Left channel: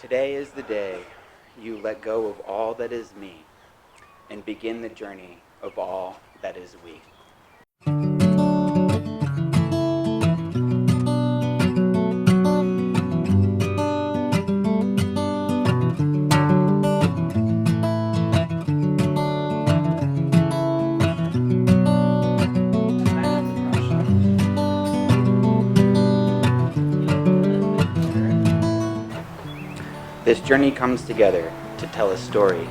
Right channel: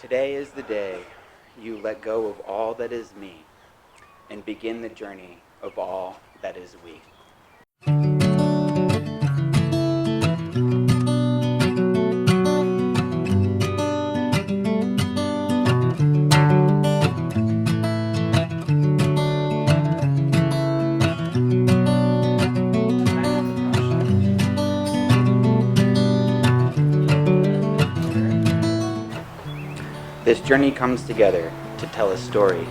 Today is the day you let go of all that is me and begin the journey of all that is we. This journey comes together to tell a story,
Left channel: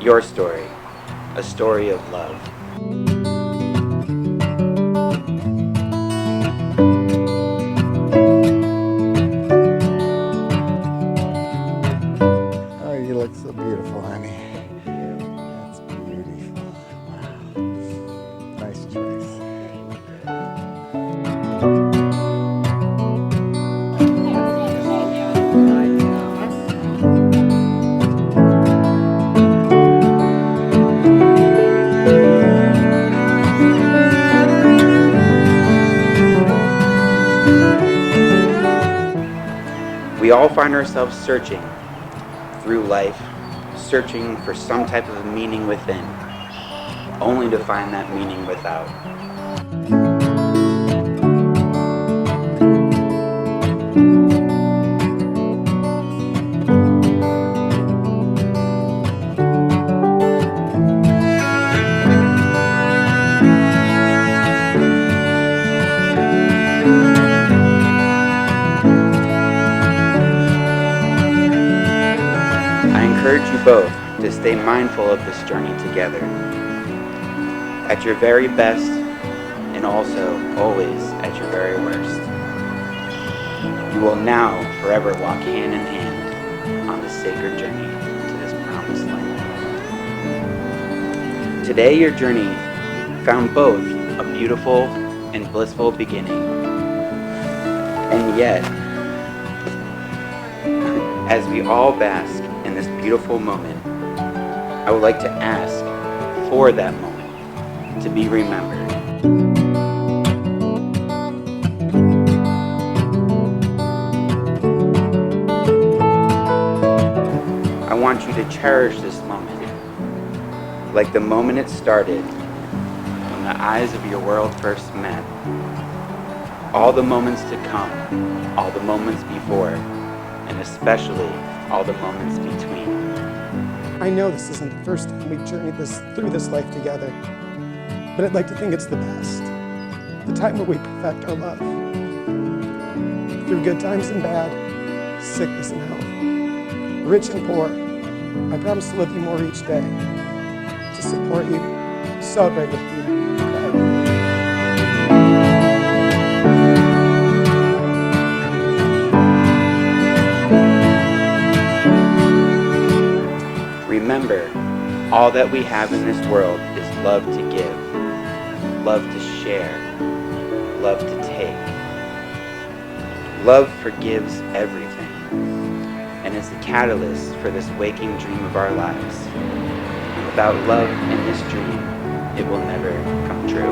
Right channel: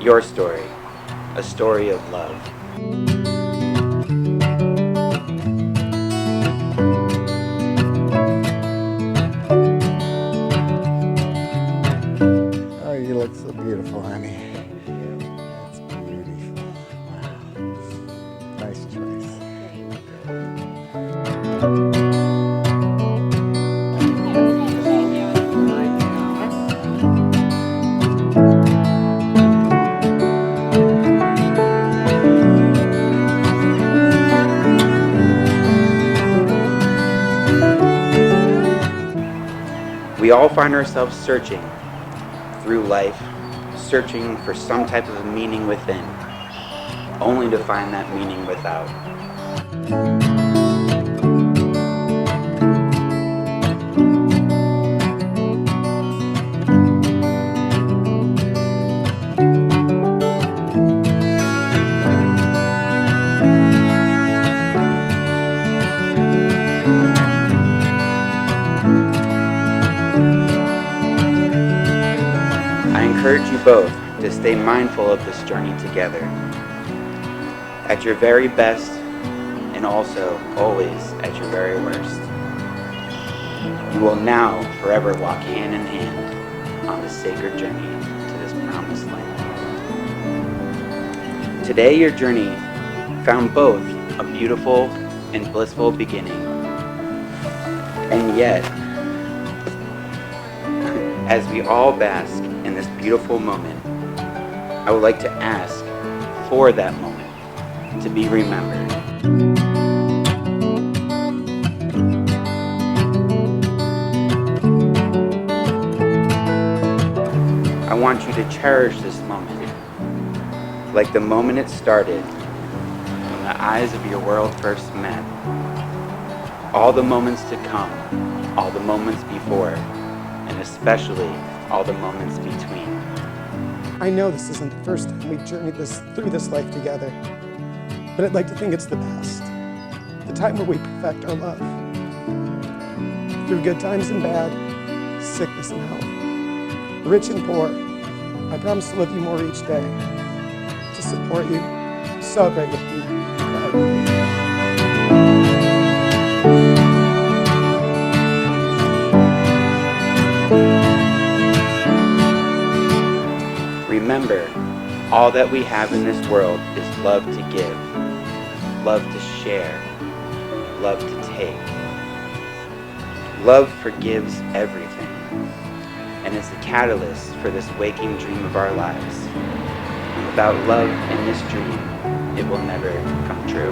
your story, a story of love. Oh, you look so beautiful, honey. That's beautiful. Wow. Nice choice. We all find ourselves searching through life, searching for some type of meaning within, only to find that meaning without. I encourage you both to stay mindful of this journey together, at your very best and also always at your very worst. You will now forever walk hand in hand on this sacred journey to this promised land. Today your journey found both a beautiful and blissful beginning, and yet, as we all bask in this beautiful moment, I would like to ask for that moment to be remembered. I want you to cherish this moment like the moment it started when the eyes of your world first met. All the moments to come, all the moments before, and especially all the moments between. I know this isn't the first time we've journeyed through this life together, but I'd like to think it's the best. The time where we perfect our love. Through good times and bad, sickness and health, rich and poor, I promise to love you more each day, to support you, celebrate with you, cry with you. Remember, all that we have in this world is love to give, love to share, love to take. Love forgives everything, and is the catalyst for this waking dream of our lives. And without love in this dream, it will never come true.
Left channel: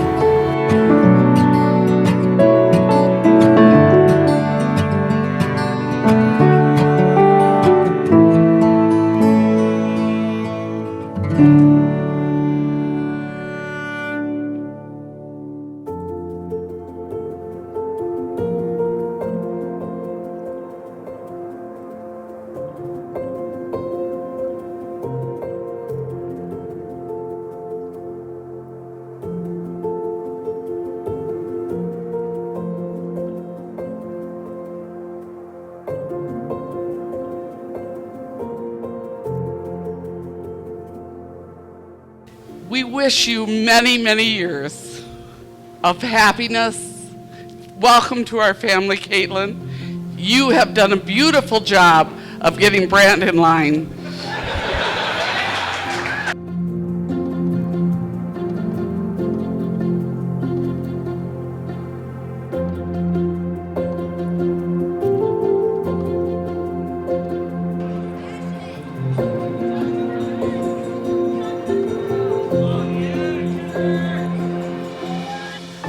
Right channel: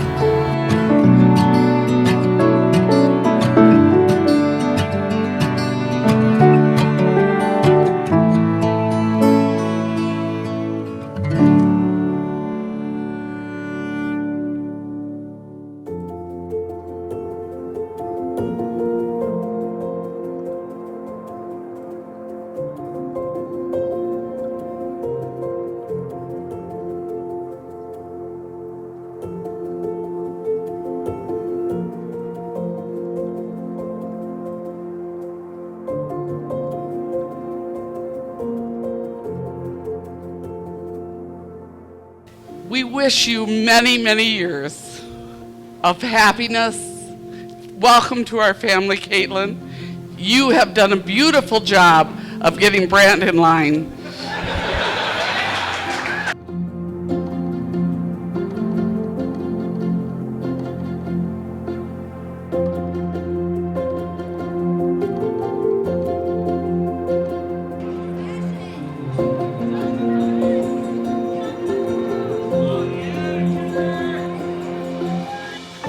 We wish you many, many years of happiness. Welcome to our family, Caitlin. You have done a beautiful job of getting Brant in line.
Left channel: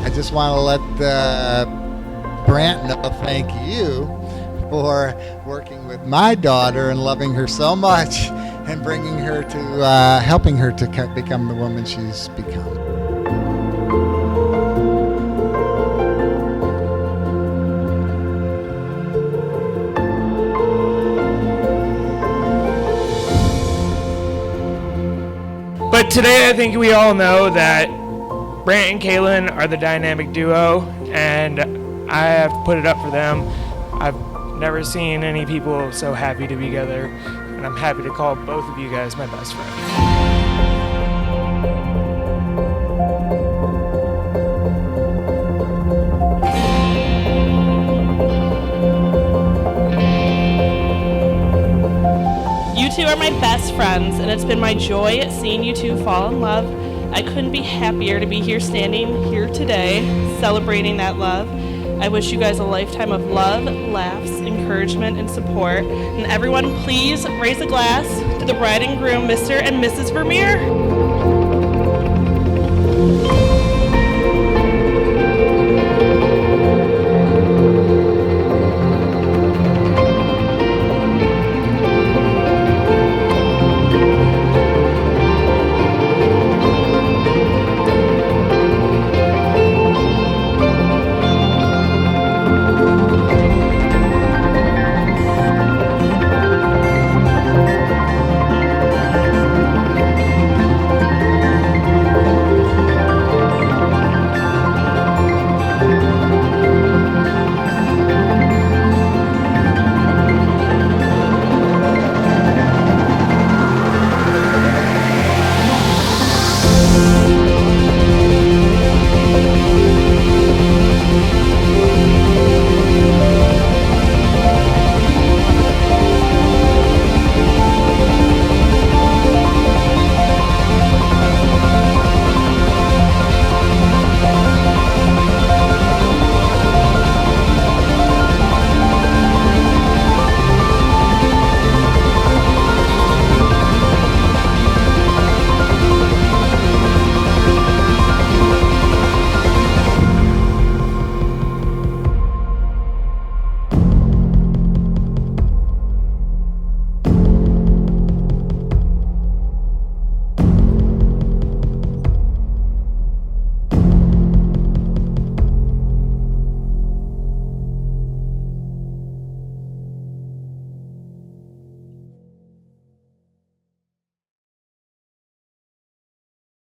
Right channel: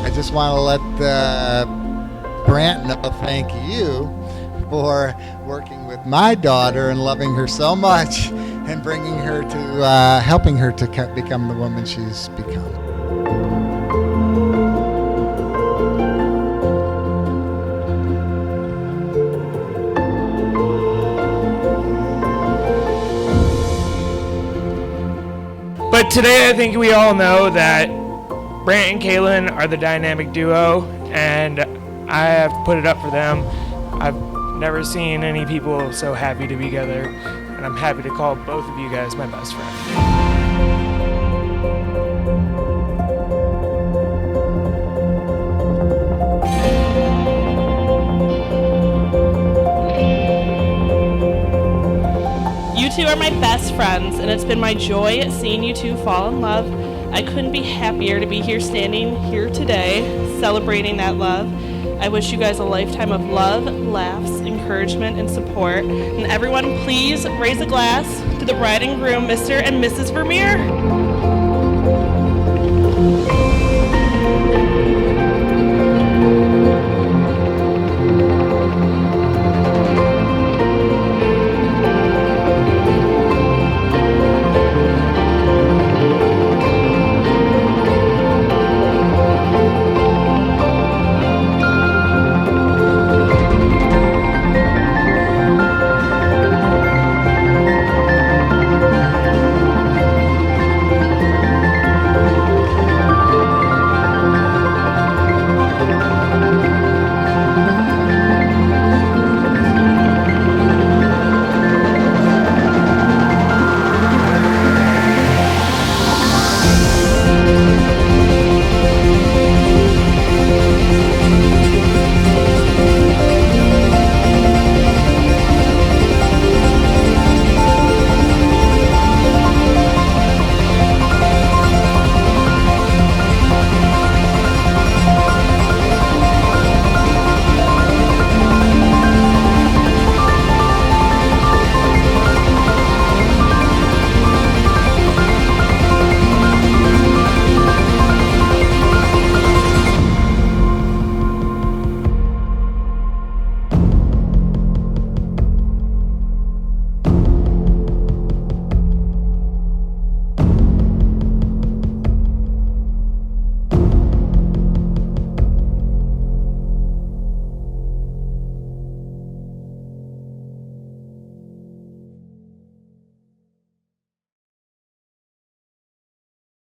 I just want to let Brant know thank you for working with my daughter and loving her so much and bringing her to, helping her to become the woman she's become. But today I think we all know that Brant and Caitlin are the dynamic duo, and I have to put it up for them. I've never seen any people so happy to be together, and I'm happy to call both of you guys my best friend. You two are my best friends, and it's been my joy seeing you two fall in love. I couldn't be happier to be here standing here today, celebrating that love. I wish you guys a lifetime of love, laughs, encouragement, and support. And everyone, please raise a glass to the bride and groom, Mr. and Mrs. Vermeer.